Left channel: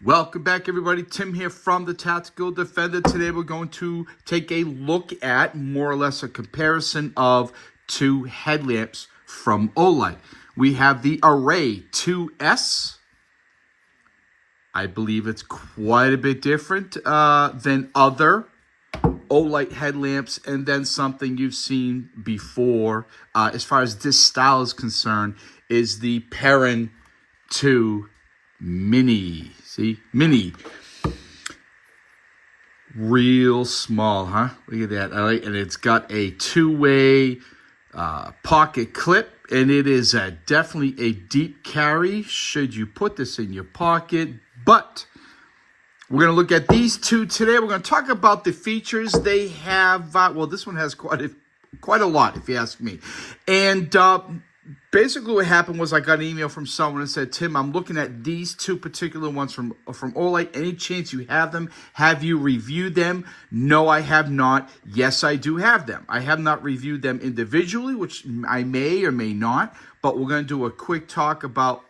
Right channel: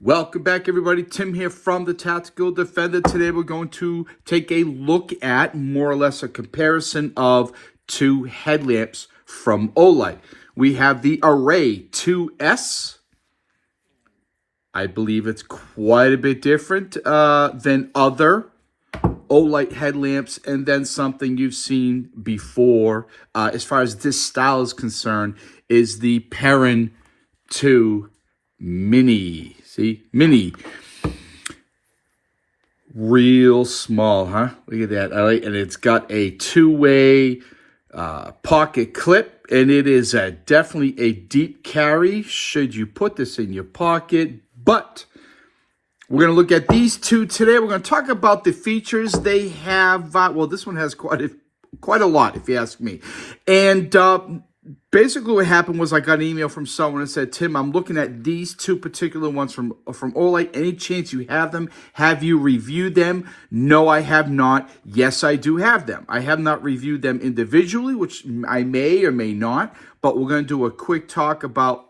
Welcome back, everybody. Tim here from the Tactical Defender. Today we're going to take a look at more or less a comparison of two headlamps from Olight. We have the Array 2S. I believe it's quite a bit different than other Olight headlamps, and then something you've seen before as far as this style is concerned is the Perun 2 Mini. See? Mini. Real small, huh? Look at that. All right. And it's got a two-way pocket clip, and it is definitely a deep carry should you put this in your pocket. But we're going to look at these two today. We're going to talk about the features they have. Well, this one has quite a lot, if you ask me. And basically what happened was I got an email from someone and said, Tim, I'm looking at these two particular ones from Olight. Any chance you have them? Have you reviewed them? No, I have not. Yes, I do have them. I have not reviewed them individually, which I may or may not. But we're going to do a quick talk about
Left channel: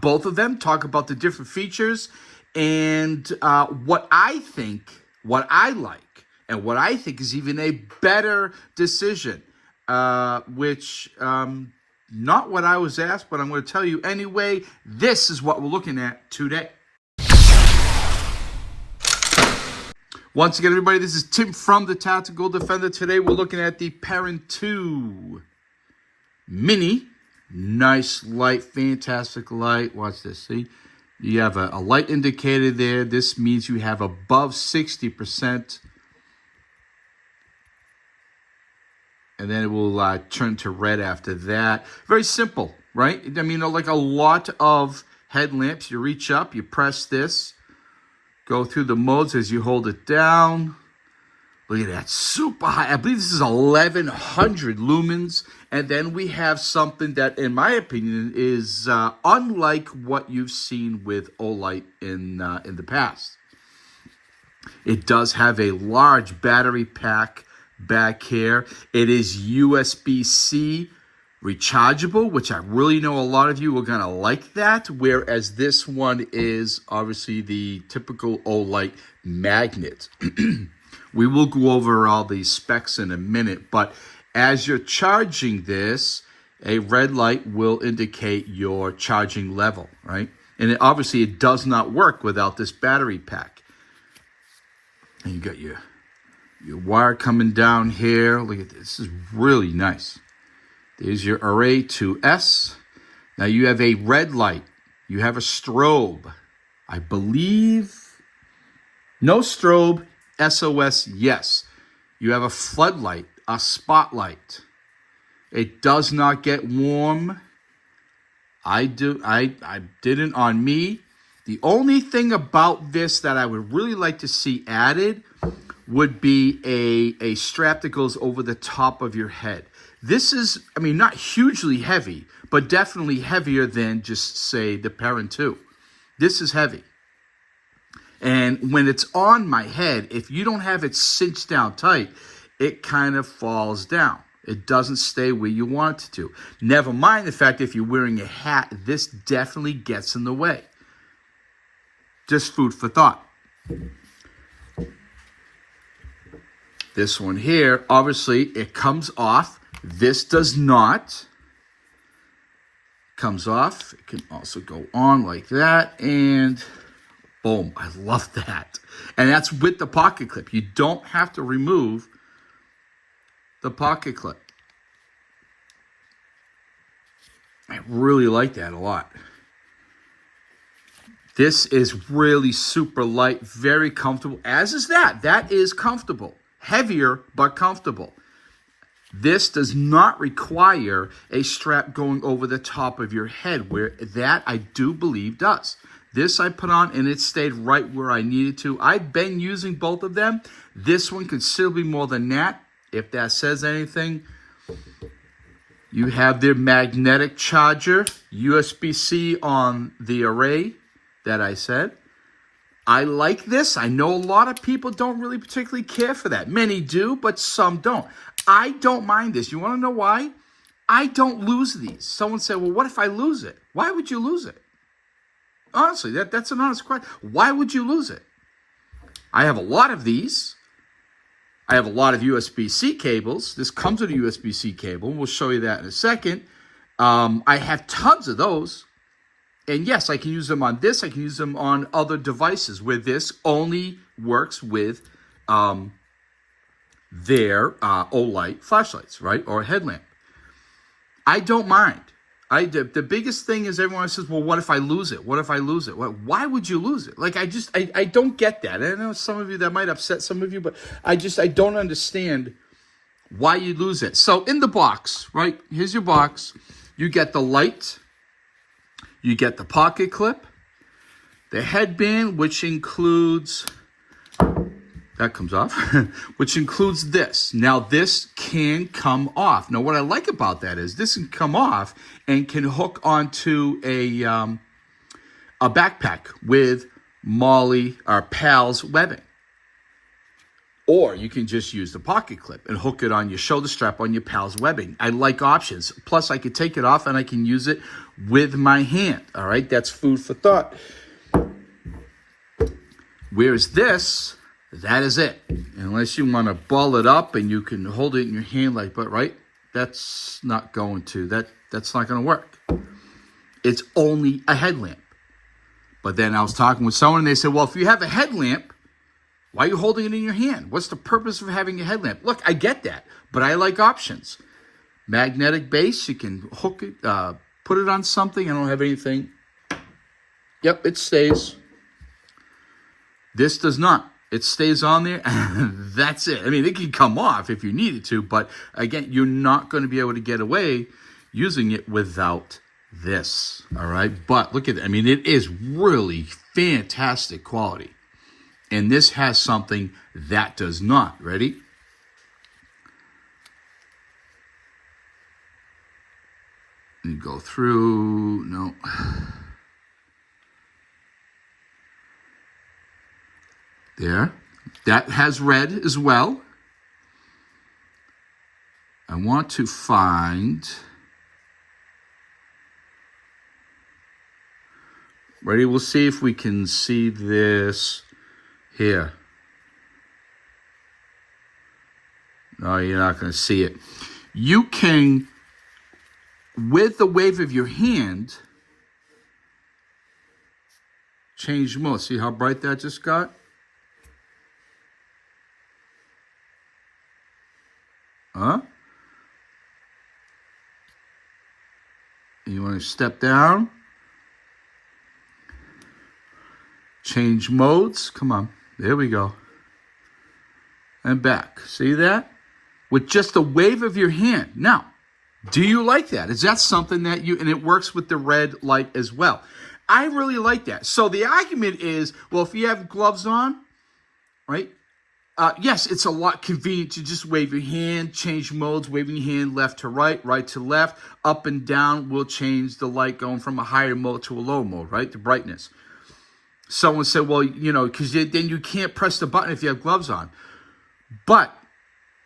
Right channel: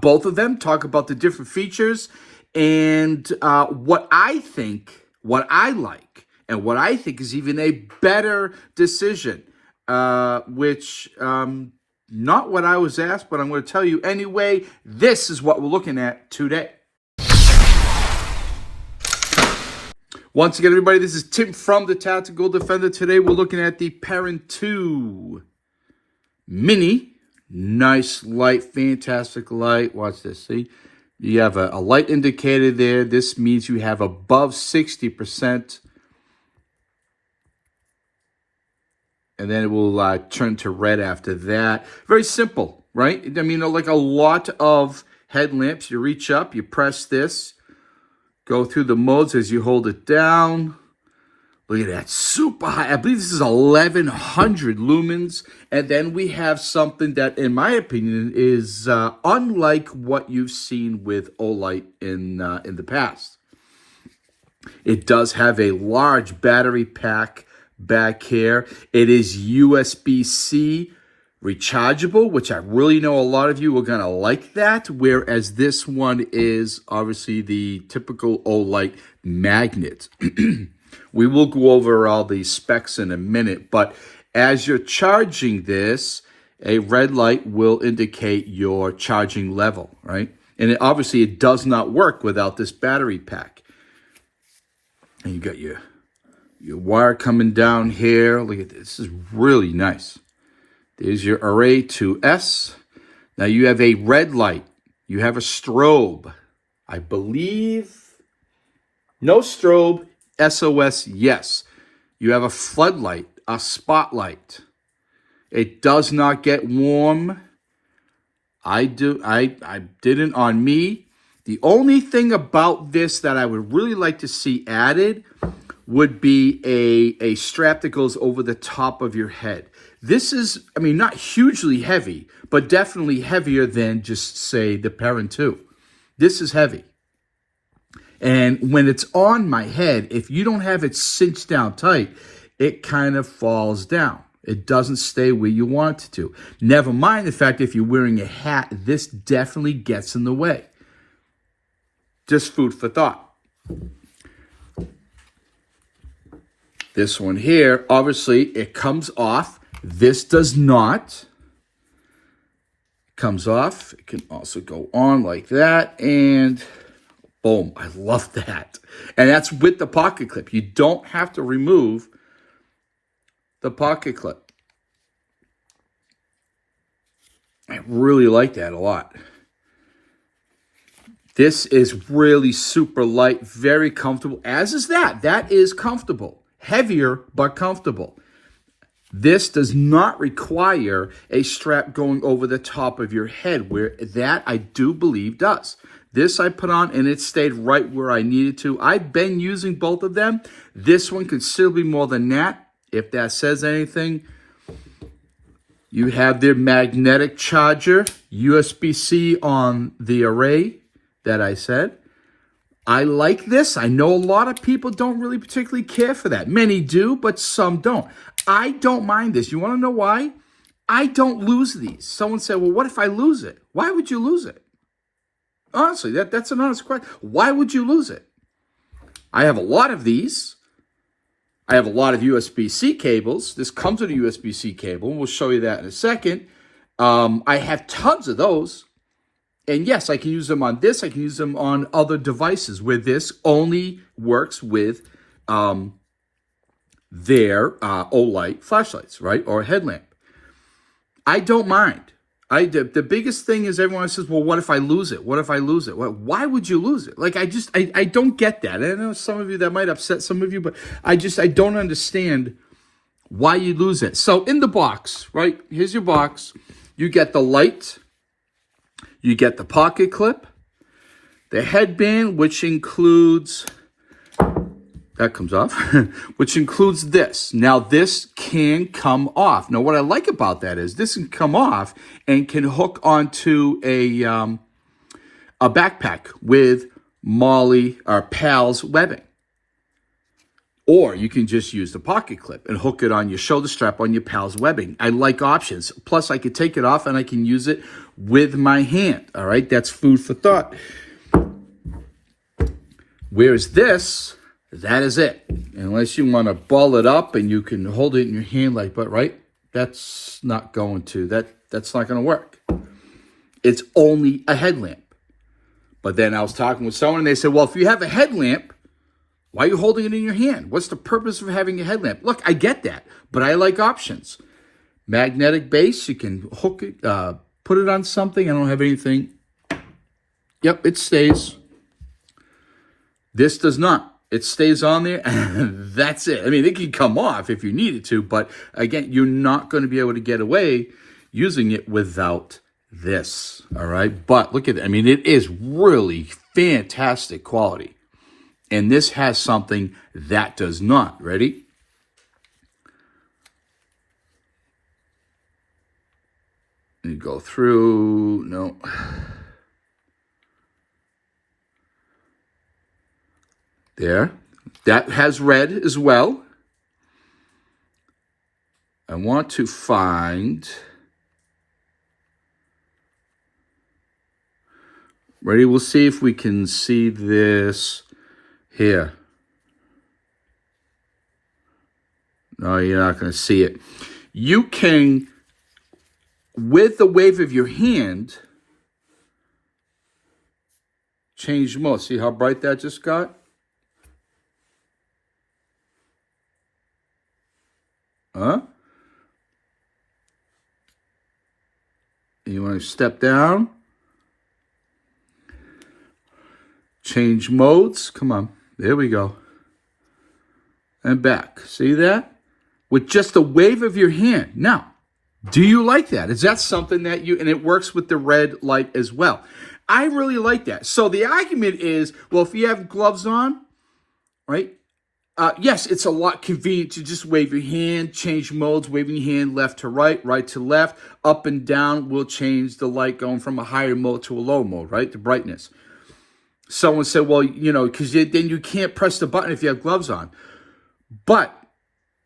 both of them, talk about the different features, and what I think, what I like, and what I think is even a better decision. Which, not what I was asked, but I'm going to tell you anyway. This is what we're looking at today. Once again, everybody, this is Tim from the Tactical Defender. Today, we're looking at the Perun 2 Mini. Nice light, fantastic light. Watch this, see? You have a light indicator there. This means you have above 60%. And then it will turn to red after that. Very simple, right? I mean, like a lot of headlamps, you reach up, you press this, go through the modes as you hold it down. Look at that, super high. I believe this is 1100 lumens. And then we have something that, in my opinion, is unlike what you've seen with Olight in the past. It does have a large battery pack back here. It is USB-C rechargeable, which I really know a lot of you are going to like that, whereas this one is obviously the typical Olight magnet. We will go over all these specs in a minute, but as you're charging this, a red light will indicate your charging level, right? And obviously it does not work without this battery pack. And you got your wire coming down here. Look at this. This is really nice. There's your Array 2S. Now you have a red light. You have a strobe. I believe no strobe. SOS, yes. You have a floodlight, a spotlight. It does not get warm. I didn't on me. The only thing about this that I would really like to see added would be a strap that goes over the top of your head. This is, I mean, not hugely heavy, but definitely heavier than just, say, the Perun 2. This is heavy. And when it's on my head, if you don't have it cinched down tight, it kind of falls down. It doesn't stay where you want it to. Never mind the fact if you're wearing a hat, this definitely gets in the way. Just food for thought. This one here, obviously, it comes off. This does not. Comes off. It can also go on like that. And boom, I love that. And that's with the pocket clip. You don't have to remove the pocket clip. I really like that a lot. This is really super light, very comfortable, as is that. That is comfortable. Heavier, but comfortable. This does not require a strap going over the top of your head, where that I do believe does. This I put on and it stayed right where I needed to. I've been using both of them. This one considerably more than that, if that says anything. You have their magnetic charger, USB-C on the Array that I said. I like this. I know a lot of people don't really particularly care for that. Many do, but some don't. I don't mind this. You want to know why? I don't lose these. Someone said, well, what if I lose it? Why would you lose it? Honestly, that's an honest question. Why would you lose it? I have a lot of these. I have a lot of USB-C cables. This comes with a USB-C cable. We'll show you that in a second. I have tons of those. And yes, I can use them on this. I can use them on other devices where this only works with their Olight flashlights, right? Or a headlamp. I don't mind. The biggest thing is everyone says, well, what if I lose it? What if I lose it? Well, why would you lose it? Like, I don't get that. I know some of you, that might upset some of you, but I don't understand why you lose it. So in the box, right? Here's your box. You get the light. You get the pocket clip. The headband, which includes... That comes off, which includes this. Now, this can come off. Now, what I like about that is this can come off and can hook onto a backpack with Molly or Pal's webbing. Or you can just use the pocket clip and hook it on your shoulder strap on your Pal's webbing. I like options. Plus, I could take it off and I can use it with my hand. All right, that's food for thought. Whereas this... That is it. Unless you want to ball it up and you can hold it in your hand like, but right? That's not going to, that's not going to work. It's only a headlamp. But then I was talking with someone and they said, well, if you have a headlamp, why are you holding it in your hand? What's the purpose of having a headlamp? Look, I get that, but I like options. Magnetic base, you can hook it, put it on something. I don't have anything. Yep, it stays. This does not. It stays on there, and that's it. I mean, it can come off if you need it to, but again, you're not going to be able to get away using it without this, all right? But look at that. I mean, it is really fantastic quality, and this has something that does not. Ready? You go through, no. There. That has red as well. I want to find... Ready? We'll see if we can see this here. No, you're not going to see it. You can, with the wave of your hand, change mode. See how bright that just got? Huh? You want to step down. Change modes. Come on. There we go. And back. See that? With just the wave of your hand. Now, do you like that? Is that something that you... And it works with the red light as well. I really like that. So the argument is, well, if you have gloves on, right? Yes, it's a lot convenient to just wave your hand, change modes, waving your hand left to right, right to left, up and down will change the light going from a higher mode to a low mode, right? The brightness. Someone said, well, you know, because then you can't press the button if you have gloves on. But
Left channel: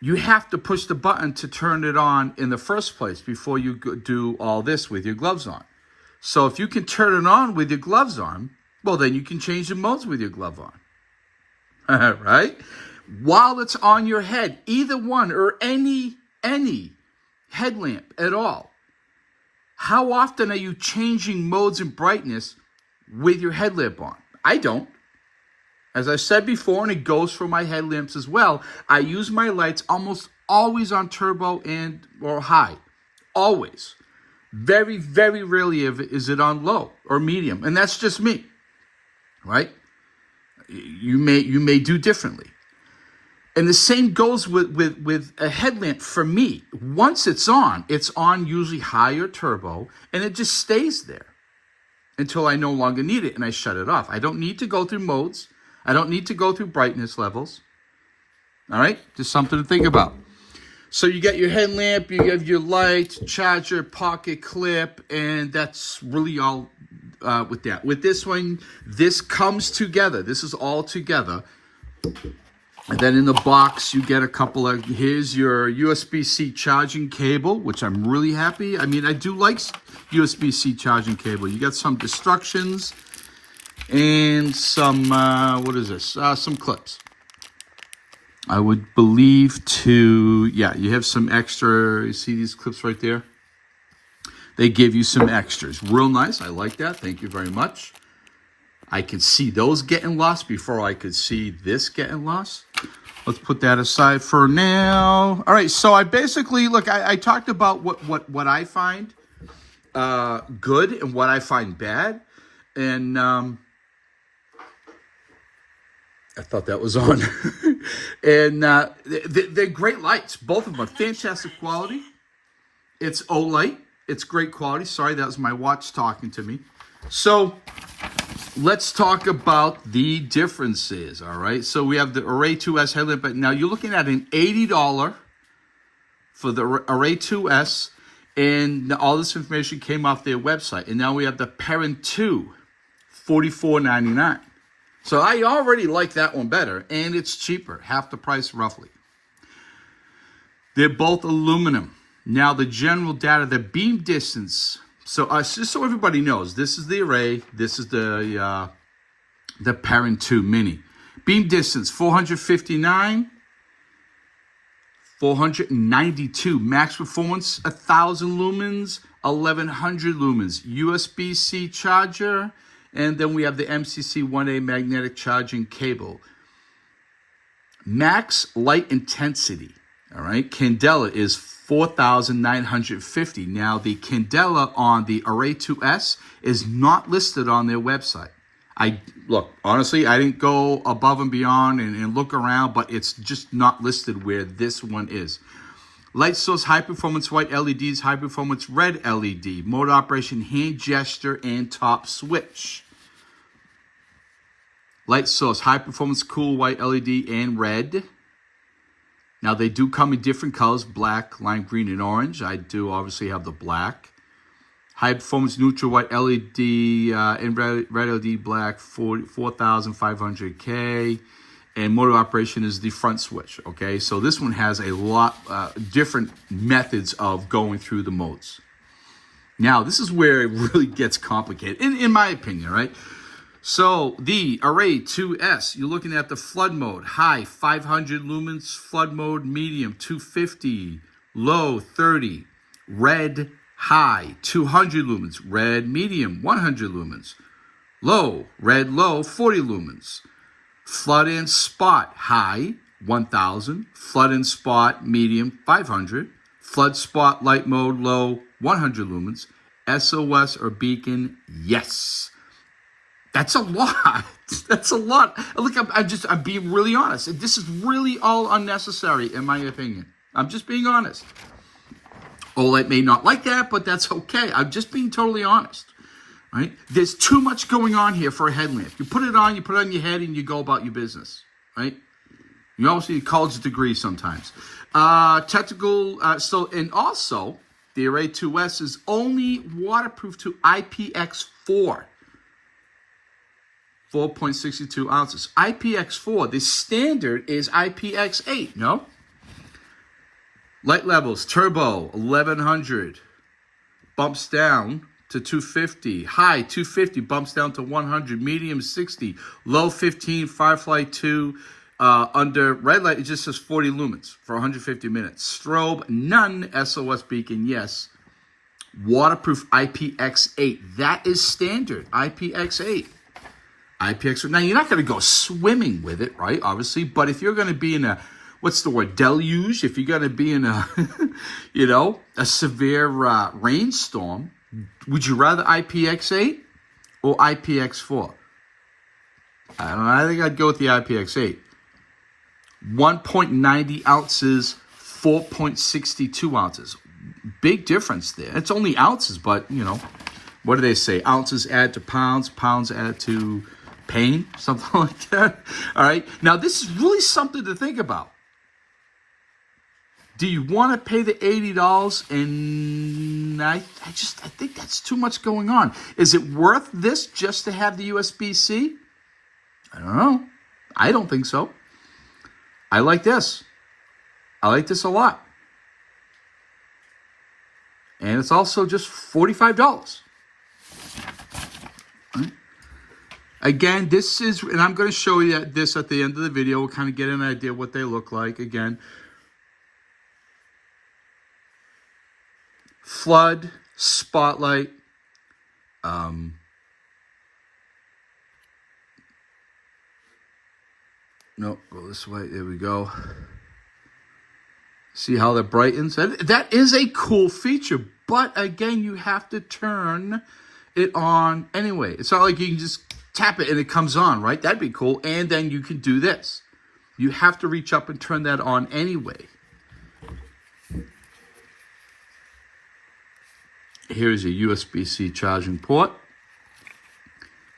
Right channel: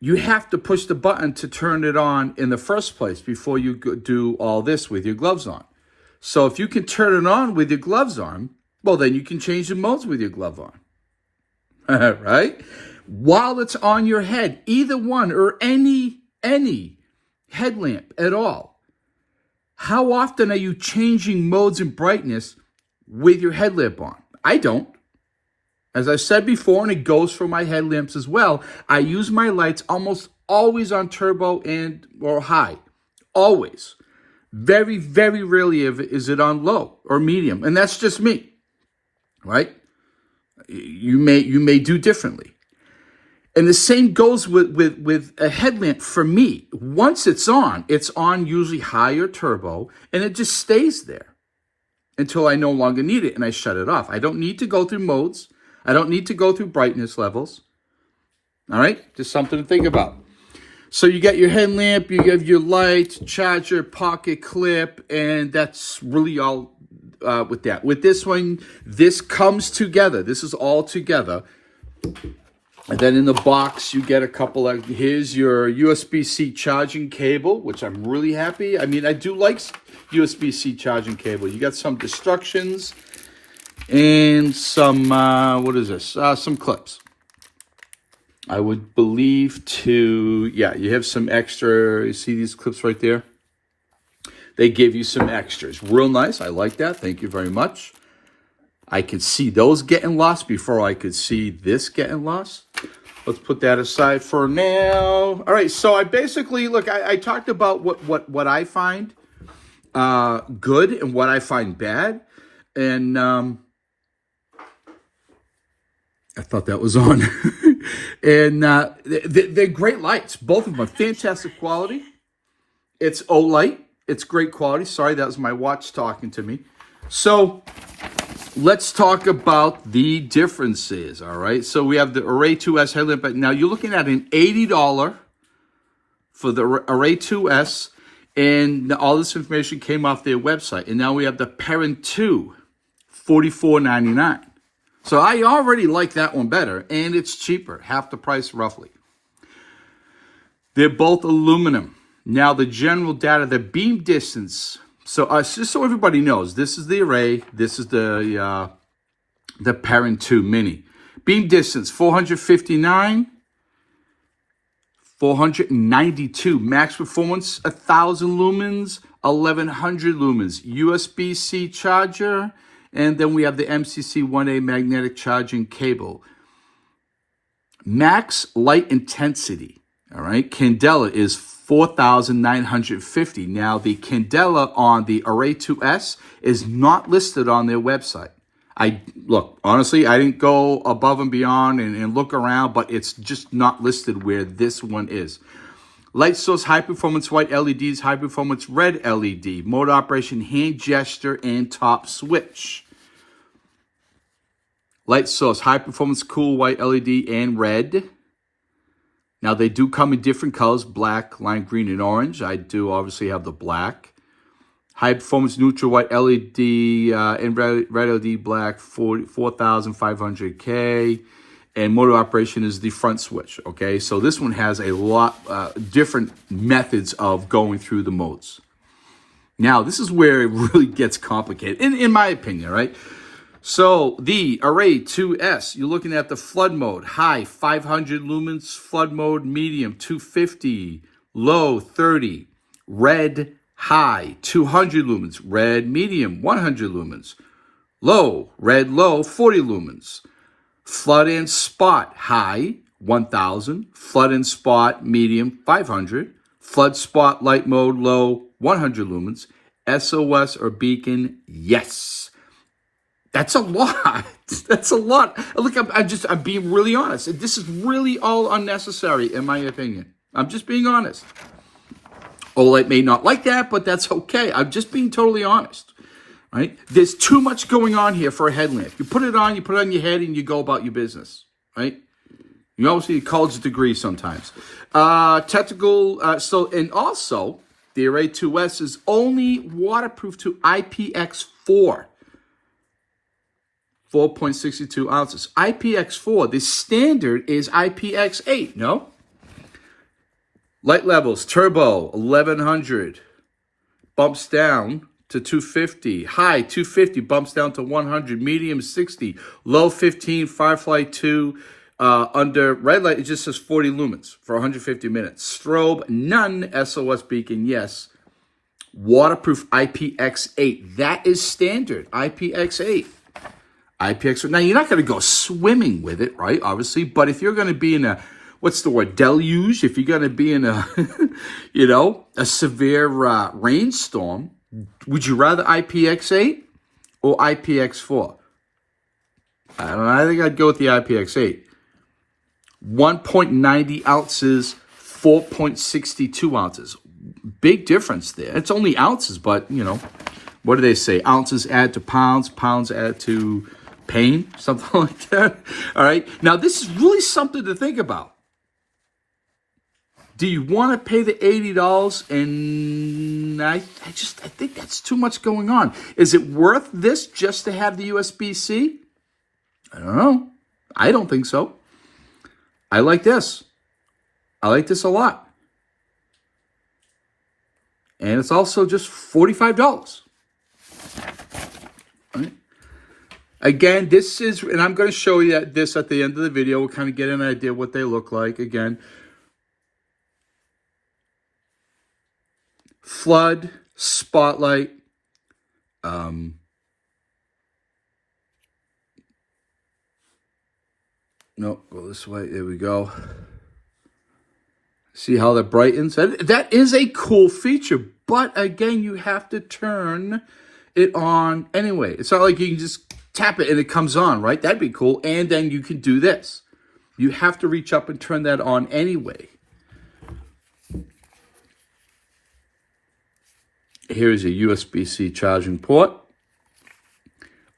you have to push the button to turn it on in the first place before you do all this with your gloves on. So if you can turn it on with your gloves on, well, then you can change the modes with your glove on. Right? While it's on your head, either one or any headlamp at all. How often are you changing modes and brightness with your headlamp on? I don't. As I said before, and it goes for my headlamps as well, I use my lights almost always on turbo or high. Always. Very, very rarely is it on low or medium. And that's just me. Right? You may do differently. And the same goes with a headlamp for me. Once it's on usually high or turbo, and it just stays there until I no longer need it and I shut it off. I don't need to go through modes. I don't need to go through brightness levels. All right? Just something to think about. So you get your headlamp, you have your light, charger, pocket clip, and that's really all with that. With this one, this comes together. This is all together. And then in the box, you get a couple of, here's your USB-C charging cable, which I'm really happy. I mean, I do like USB-C charging cable. You got some instructions. and some, what is this? Some clips. I would believe yeah, you have some extra, you see these clips right there? They give you some extras. Real nice. I like that. Thank you very much. I could see those getting lost before I could see this getting lost. Let's put that aside for now. All right, so I basically, look, I talked about what I find good and what I find bad. And I thought that was on. And they're great lights. Both of them are fantastic quality. It's Olight. It's great quality. Sorry, that was my watch talking to me. So let's talk about the differences, all right? So we have the Array 2S headlamp. Now you're looking at an $80 for the Array 2S, and all this information came off their website. And now we have the Perun 2, $44.99. So I already like that one better, and it's cheaper, half the price roughly. They're both aluminum. Now the general data, the beam distance. So just so everybody knows, this is the Array, this is the Perun 2 Mini. Beam distance, 459, 492. Max performance, 1,000 lumens, 1,100 lumens. USB-C charger, and then we have the MCC 1A magnetic charging cable. Max light intensity, all right, Candela is 4,950. Now, the Candela on the Array 2S is not listed on their website. Look, honestly, I didn't go above and beyond and look around, but it's just not listed where this one is. Light source, high performance white LEDs, high performance red LED, mode operation, hand gesture, and top switch. Light source, high performance cool white LED and red. Now, they do come in different colors, black, lime green, and orange. I do obviously have the black. High performance neutral white LED and red LED black, 4,500K. And motor operation is the front switch, okay? So this one has a lot different methods of going through the modes. Now, this is where it really gets complicated, in my opinion, right? So the Array 2S, you're looking at the flood mode, high 500 lumens, flood mode medium 250, low 30, red high 200 lumens, red medium 100 lumens, low red low 40 lumens, flood and spot high 1000, flood and spot medium 500, flood spot light mode low 100 lumens, SOS or beacon yes. That's a lot. That's a lot. Look, I'm being really honest. This is really all unnecessary, in my opinion. I'm just being honest. Olight may not like that, but that's okay. I'm just being totally honest. Right? There's too much going on here for a headlamp. You put it on your head, and you go about your business. Right? You obviously need a college degree sometimes. Technical. And also, the Array 2S is only waterproof to IPX4. 4.62 ounces. IPX4, the standard is IPX8, no? Light levels, turbo, 1100. Bumps down to 250. High, 250, bumps down to 100. Medium, 60. Low, 15. Firefly 2. Under red light, it just says 40 lumens for 150 minutes. Strobe, none. SOS beacon, yes. Waterproof IPX8. That is standard, IPX8. IPX. Now, you're not going to go swimming with it, right? Obviously. But if you're going to be in a, what's the word, deluge, if you're going to be in a, a severe rainstorm, would you rather IPX8 or IPX4? I don't know. I think I'd go with the IPX8. 1.90 ounces, 4.62 ounces. Big difference there. It's only ounces, but, what do they say? Ounces add to pounds, pounds add to pain, something like that. All right. Now, this is really something to think about. Do you want to pay the $80? And I think that's too much going on. Is it worth this just to have the USB-C? I don't know. I don't think so. I like this. I like this a lot. And it's also just $45. Right? Again, this is, and I'm going to show you this at the end of the video. We'll kind of get an idea of what they look like. Again, flood, spotlight, no, go this way. There we go. See how that brightens? That is a cool feature, but again, you have to turn it on anyway. It's not like you can just tap it and it comes on, right? That'd be cool. And then you can do this. You have to reach up and turn that on anyway. Here's a USB-C charging port.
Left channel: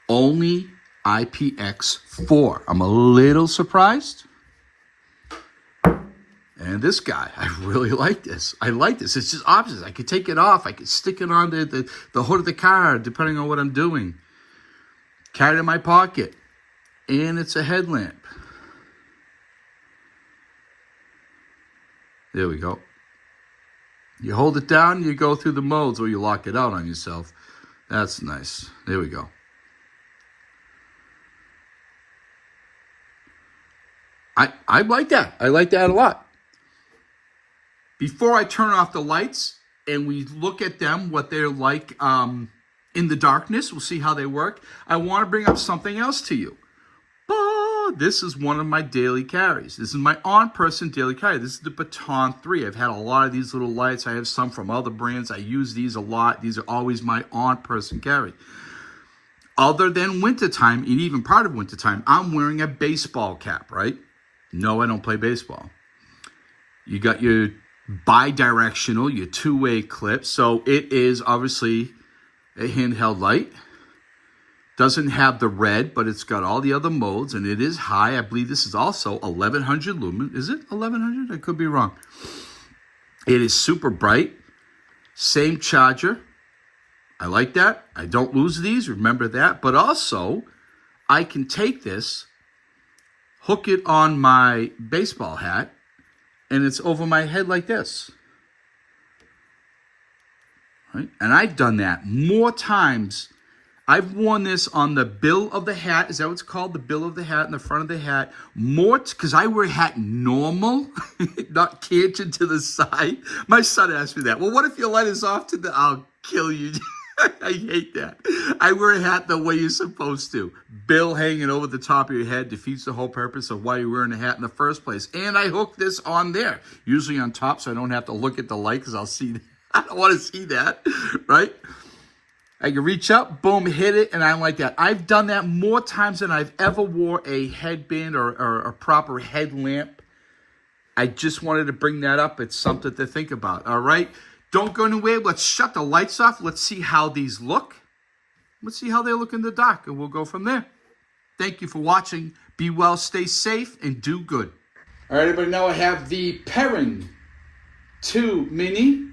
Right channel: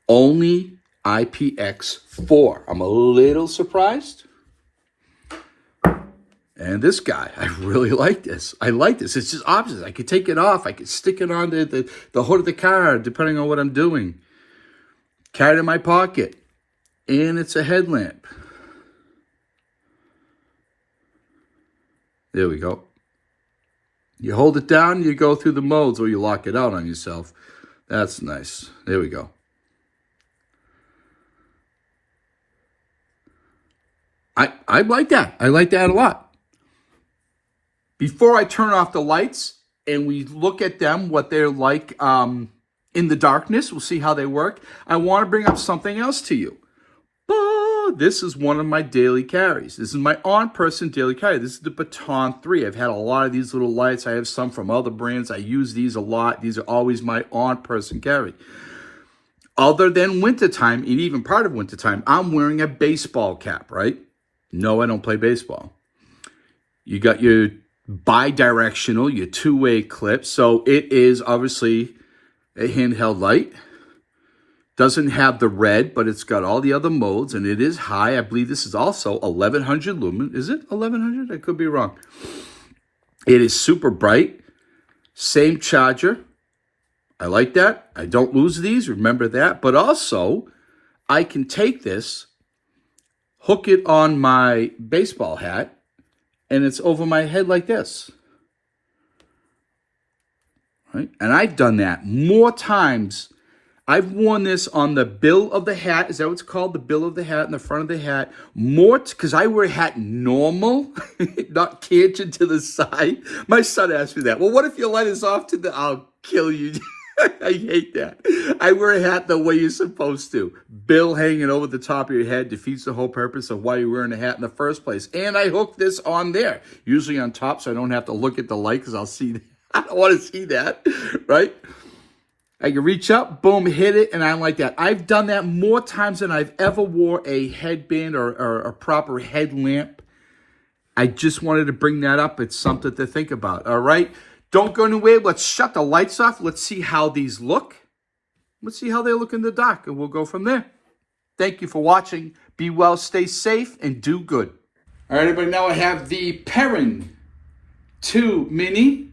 Only IPX4. I'm a little surprised. And this guy, I really like this. I like this. It's just options. I could take it off. I could stick it on the hood of the car, depending on what I'm doing. Carry it in my pocket. And it's a headlamp. There we go. You hold it down, you go through the modes, or you lock it out on yourself. That's nice. There we go. I like that. I like that a lot. Before I turn off the lights and we look at them, what they're like in the darkness, we'll see how they work. I want to bring up something else to you. This is one of my daily carries. This is my on-person daily carry. This is the Baton 3. I've had a lot of these little lights. I have some from other brands. I use these a lot. These are always my on-person carry. Other than wintertime, and even part of wintertime, I'm wearing a baseball cap, right? No, I don't play baseball. You got your bi-directional, your two-way clip. So it is obviously a handheld light. Doesn't have the red, but it's got all the other modes, and it is high. I believe this is also 1100 lumen. Is it 1100? I could be wrong. It is super bright. Same charger. I like that. I don't lose these. Remember that. But also, I can take this, hook it on my baseball hat, and it's over my head like this. Right? And I've done that more times. I've worn this on the bill of the hat. Is that what it's called? The bill of the hat in the front of the hat. More, because I wear a hat normal, not canted to the side. My son asked me that. Well, what if your light is off to the... I'll kill you. I hate that. I wear a hat the way you're supposed to. Bill hanging over the top of your head defeats the whole purpose of why you're wearing a hat in the first place. And I hook this on there, usually on top, so I don't have to look at the light because I'll see... I don't want to see that, right? I can reach up, boom, hit it, and I like that. I've done that more times than I've ever wore a headband or a proper headlamp. I just wanted to bring that up. It's something to think about, all right? Don't go anywhere. Let's shut the lights off. Let's see how these look. Let's see how they look in the dark, and we'll go from there. Thank you for watching. Be well, stay safe, and do good. All right, everybody, now I have the Perun 2 Mini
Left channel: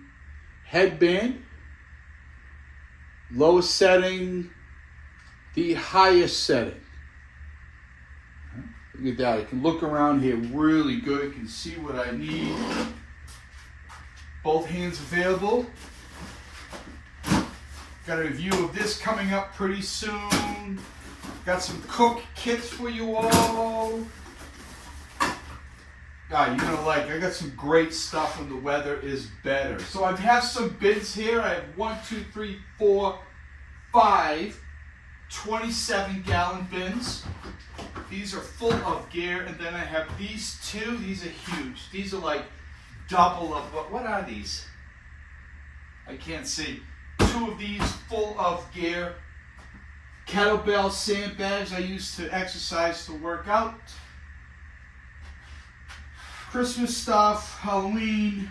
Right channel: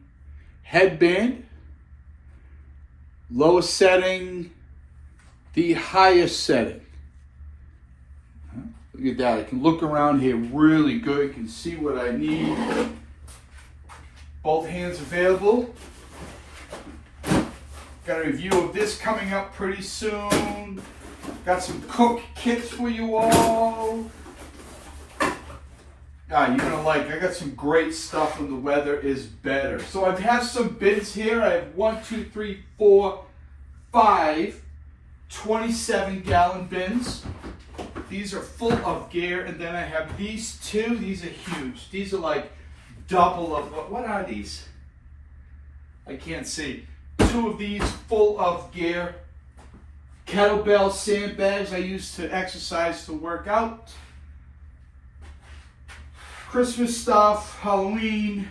headband. Lowest setting, the highest setting. Look at that. I can look around here really good. I can see what I need. Both hands available. Got a review of this coming up pretty soon. Got some cook kits for you all. You're gonna like, I got some great stuff when the weather is better. So I have some bins here. I have 1, 2, 3, 4, 5 27-gallon bins. These are full of gear. And then I have these two. These are huge. These are like double of, what are these? I can't see. 2 of these full of gear. Kettlebell sandbags I use to exercise, to work out. Christmas stuff, Halloween,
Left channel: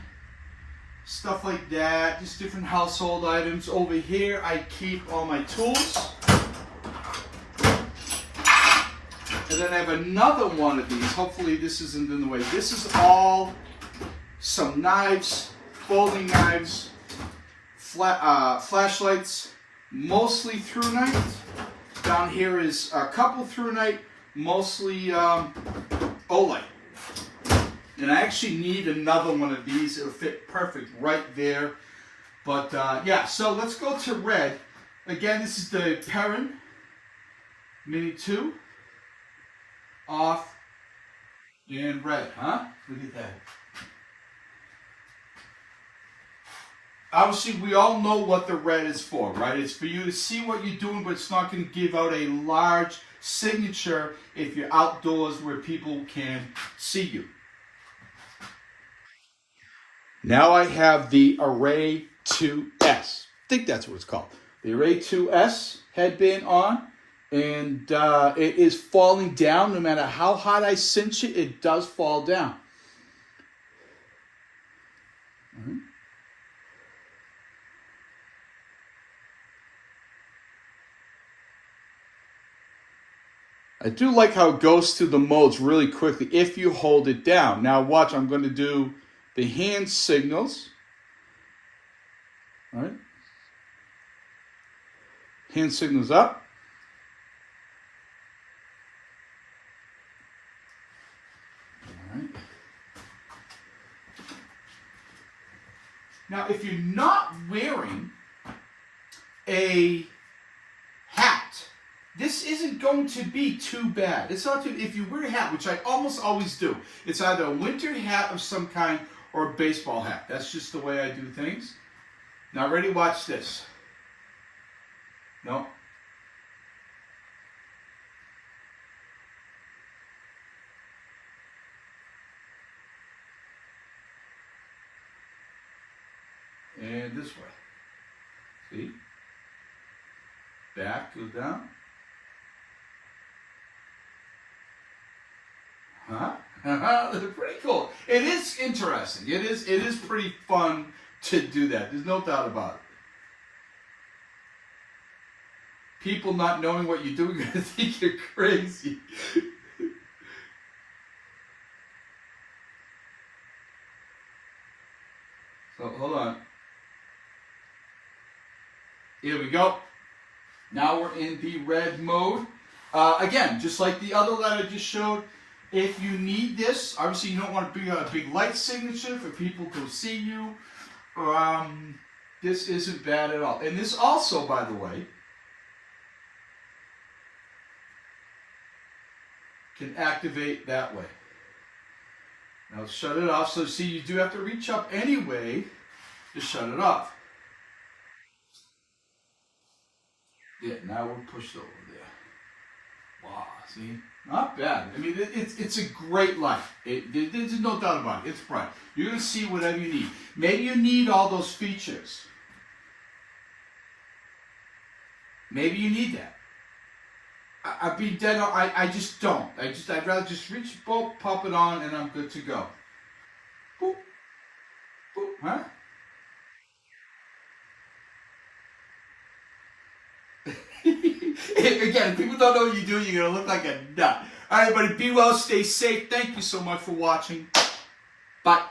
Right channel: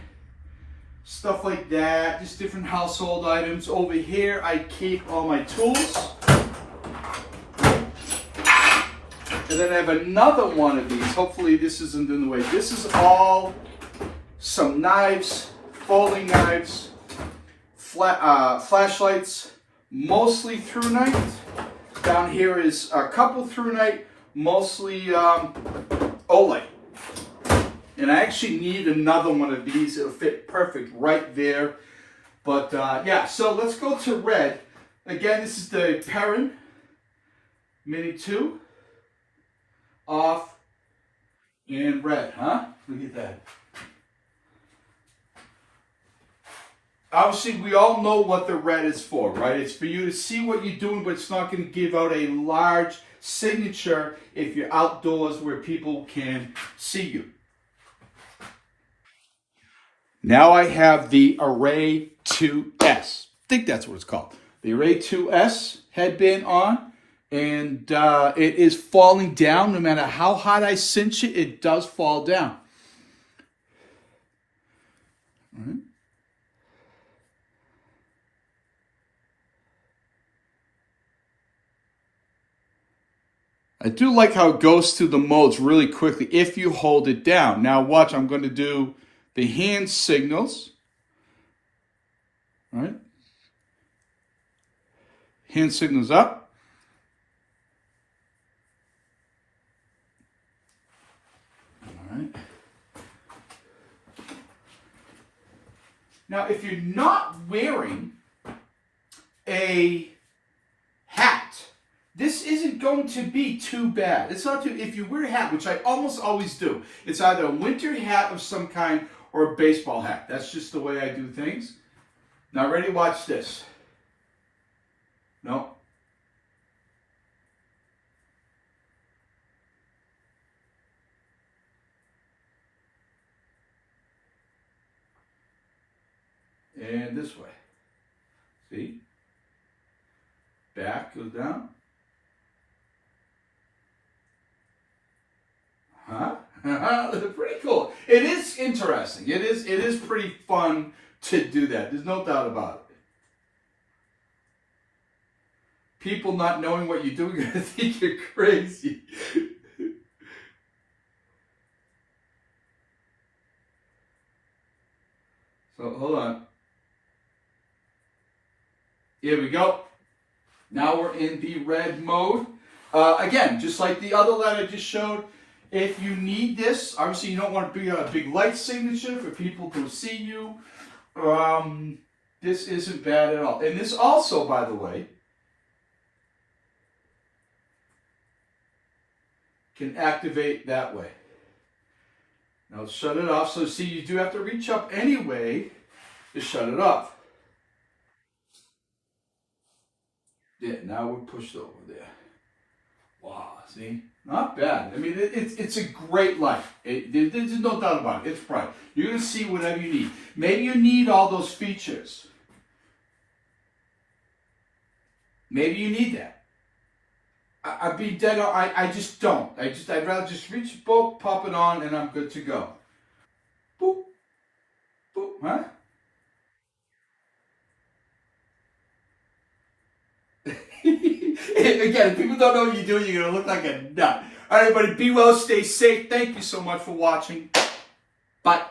stuff like that, just different household items. Over here, I keep all my tools. And then I have another one of these. Hopefully this isn't in the way. This is all some knives, folding knives, flashlights, mostly through night. Down here is a couple through night, mostly Olight. And I actually need another one of these. It'll fit perfect right there. But yeah, so let's go to red. Again, this is the Perun Mini 2, off, and red, huh? Look at that. Obviously, we all know what the red is for, right? It's for you to see what you're doing, but it's not going to give out a large signature if you're outdoors where people can see you. Now I have the Array 2S. I think that's what it's called. The Array 2S headband on, and it is falling down. No matter how hard I cinch it, it does fall down. Mm-hmm. I do like how it goes through the modes really quickly if you hold it down. Now watch, I'm going to do the hand signals. All right. Hand signals up. All right. Now if you're not wearing a hat, this isn't going to be too bad. It's not too, if you wear a hat, which I almost always do, it's either a winter hat of some kind or a baseball hat. That's just the way I do things. Now ready, watch this. No. And this way. See? Back goes down. Huh? Pretty cool. It is interesting. It is pretty fun to do that. There's no doubt about it. People not knowing what you're doing are going to think you're crazy. So hold on. Here we go. Now we're in the red mode. Again, just like the other light I just showed, if you need this, obviously you don't want to be a big light signature for people to see you. This isn't bad at all. And this also, by the way, can activate that way. Now let's shut it off. So see, you do have to reach up anyway to shut it off. Yeah, now we're pushed over there. Wow, see? Not bad. I mean, it's a great light. There's no doubt about it. It's bright. You're going to see whatever you need. Maybe you need all those features. Maybe you need that. I'd be dead on. I just don't. I'd rather just reach the boat, pop it on, and I'm good to go. Boop. Boop. Huh? Again, if people don't know what you're doing, you're going to look like a nut. All right, everybody, be well, stay safe. Thank you so much for watching. Bye.